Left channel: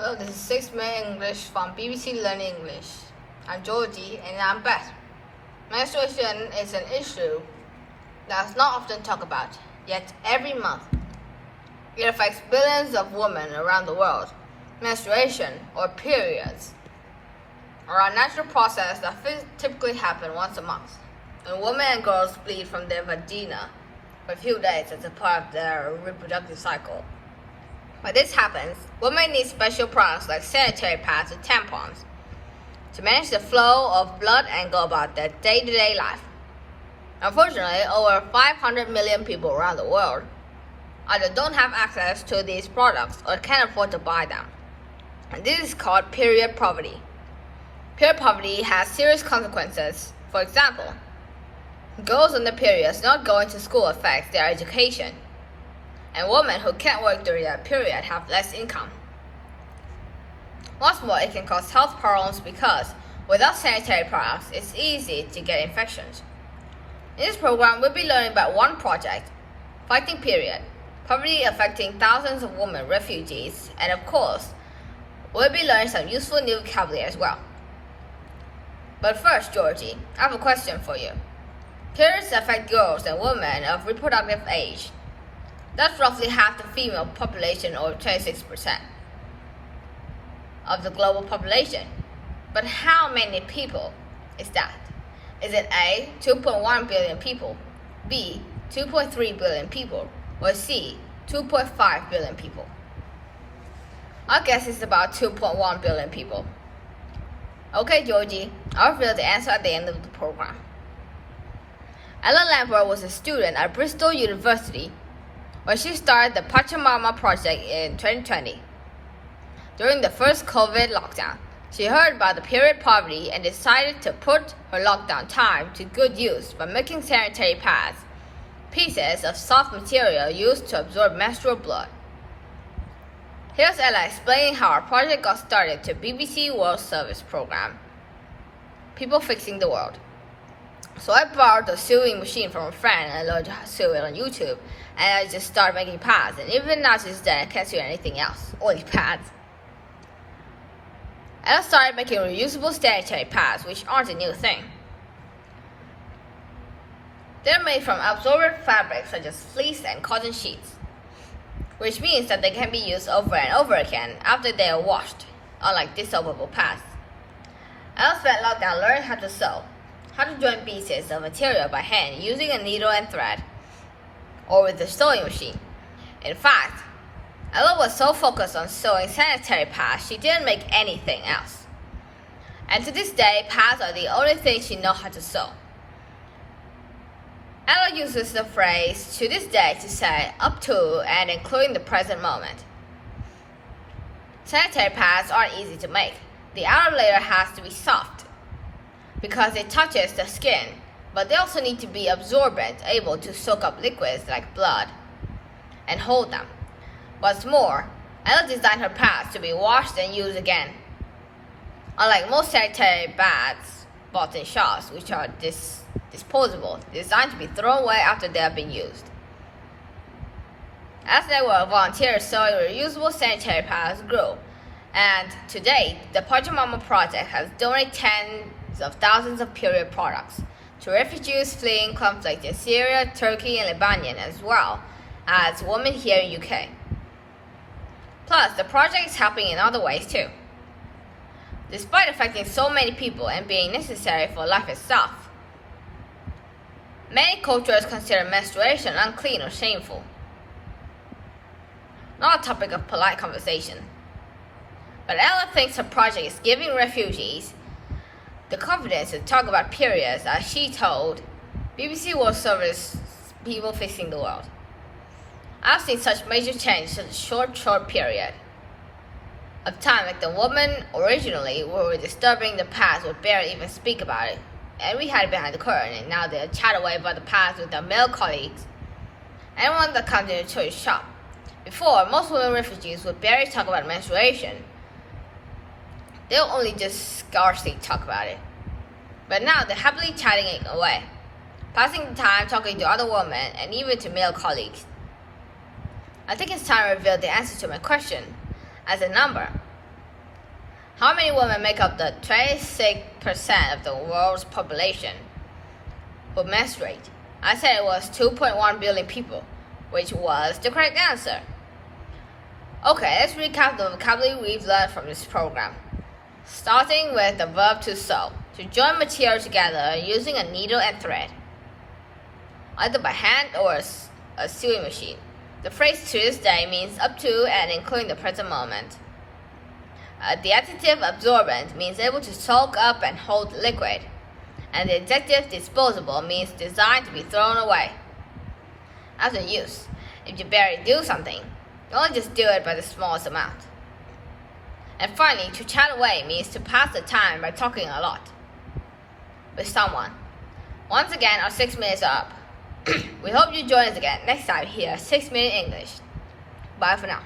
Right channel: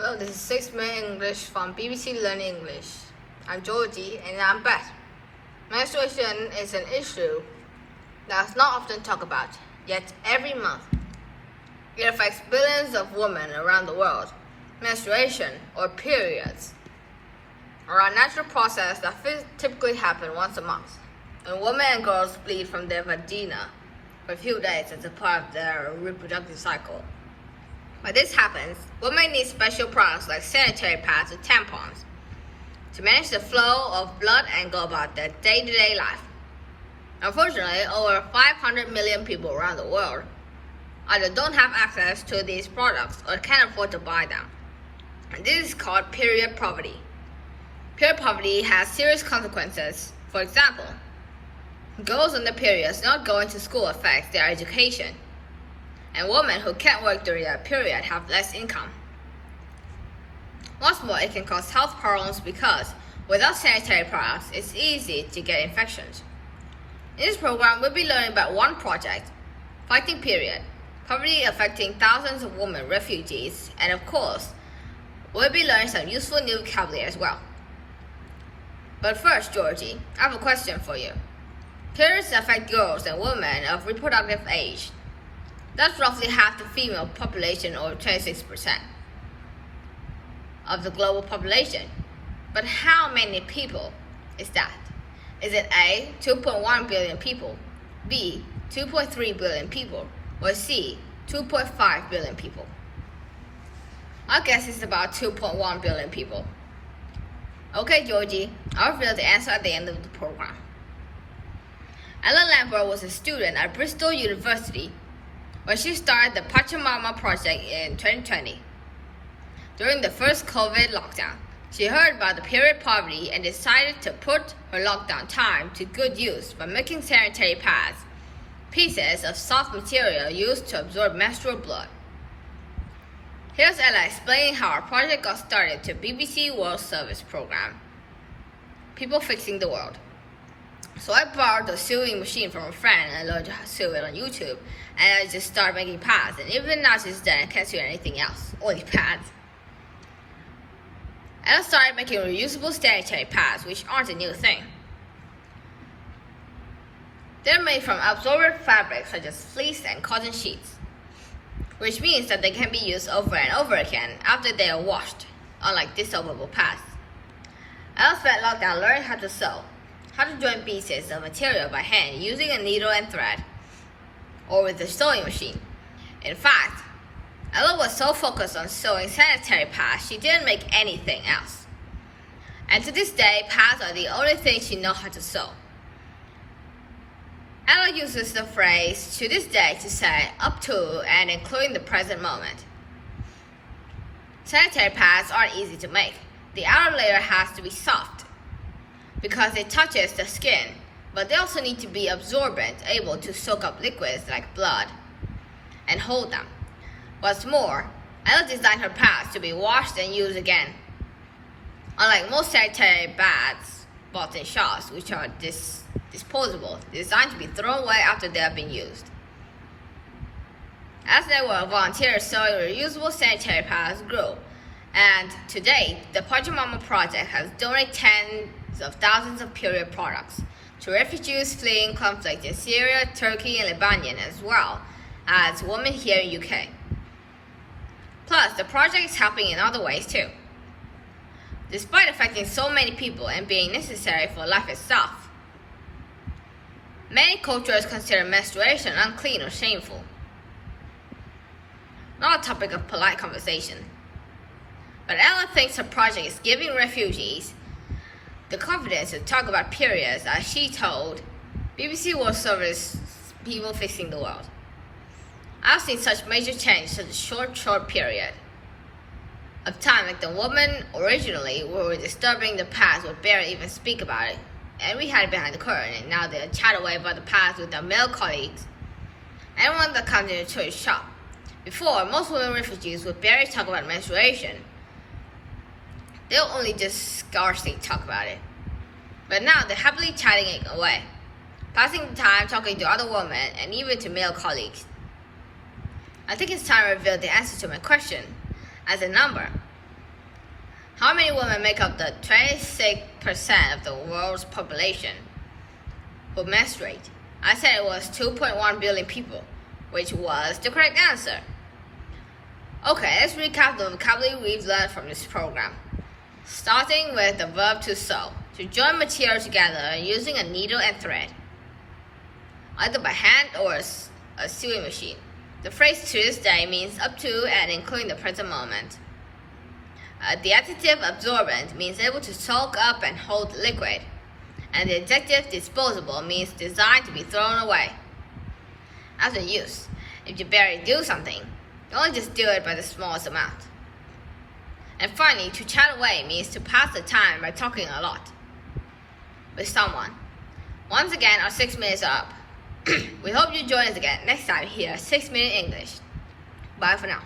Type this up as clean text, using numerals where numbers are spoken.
Hello, this is 6 Minute English from BBC Learn English. I'm Georgie and I'm Beth. Menstruation is an issue that's not often talked about, yet every month it affects billions of women around the world. Menstruation, or periods, are a natural process that typically happen once a month. When women and girls bleed from their vagina for a few days as a part of their reproductive cycle. When this happens, women need special products like sanitary pads and tampons to manage the flow of blood and go about their day-to-day life. Unfortunately, over 500 million people around the world either don't have access to these products or can't afford to buy them. And this is called period poverty. Period poverty has serious consequences. For example, girls on their periods not going to school affects their education. And women who can't work during their period have less income. What's more, it can cause health problems because without sanitary products, it's easy to get infections. In this program, we'll be learning about one project, Fighting Period Poverty affecting thousands of women refugees, and of course, we'll be learning some useful new vocabulary as well. But first, Georgie, I have a question for you. Periods affect girls and women of reproductive age. That's roughly half the female population, or 26% of the global population. But how many people is that? Is it A, 2.1 billion people, B, 2.3 billion people, or C, 2.5 billion people? I guess it's about 2.1 billion people. Okay, Georgie, I'll reveal the answer at the end of the program. Ella Lambert was a student at Bristol University when she started the Pachamama project in 2020. During the first COVID lockdown, she heard about the period poverty and decided to put her lockdown time to good use by making sanitary pads, pieces of soft material used to absorb menstrual blood. Here's Ella explaining how our project got started to BBC World Service program, People Fixing the World. So I borrowed the sewing machine from a friend and I learned how to sew it on YouTube, and I just started making pads, and even now to this day I can't sew anything else, only pads. And I started making reusable sanitary pads, which aren't a new thing. They're made from absorbent fabrics such as fleece and cotton sheets, which means that they can be used over and over again after they are washed, unlike dissolvable pads. I also spent lockdown learning how to sew, how to join pieces of material by hand using a needle and thread, or with the sewing machine. In fact, Ella was so focused on sewing sanitary pads, she didn't make anything else. And to this day, pads are the only thing she knows how to sew. Ella uses the phrase to this day to say up to and including the present moment. Sanitary pads aren't easy to make. The outer layer has to be soft because it touches the skin, but they also need to be absorbent, able to soak up liquids like blood and hold them. What's more, Ella designed her pads to be washed and used again. Unlike most sanitary pads bought in shops, which are disposable, designed to be thrown away after they have been used. As there were volunteers sewing reusable sanitary pads grew, and to date, the Pachamama project has donated tens of thousands of period products to refugees fleeing conflict in Syria, Turkey, and Lebanon, as well as women here in UK. Plus, the project is helping in other ways too. Despite affecting so many people and being necessary for life itself, many cultures consider menstruation unclean or shameful. Not a topic of polite conversation. But Ella thinks her project is giving refugees the confidence to talk about periods, as she told BBC World Service People Fixing the World. I've seen such major change in such a short period of time, like the women originally were disturbing the past would barely even speak about it, and we had it behind the curtain, and now they chat away about the past with their male colleagues. Anyone that comes in a church shop. Before, most women refugees would barely talk about menstruation. They'll only just scarcely talk about it. But now they're happily chatting it away, passing the time talking to other women and even to male colleagues. I think it's time to reveal the answer to my question as a number. How many women make up the 26% of the world's population who menstruate? I said it was 2.1 billion people, which was the correct answer. Okay, let's recap the vocabulary we've learned from this program. Starting with the verb to sew, to join material together using a needle and thread, either by hand or a sewing machine. The phrase to this day means up to and including the present moment. The adjective absorbent means able to soak up and hold liquid, and the adjective disposable means designed to be thrown away. As a use, if you barely do something, don't just do it by the smallest amount. And finally, to chat away means to pass the time by talking a lot with someone. Once again, our 6 minutes are up. We hope you join us again next time here at 6 Minute English. Bye for now.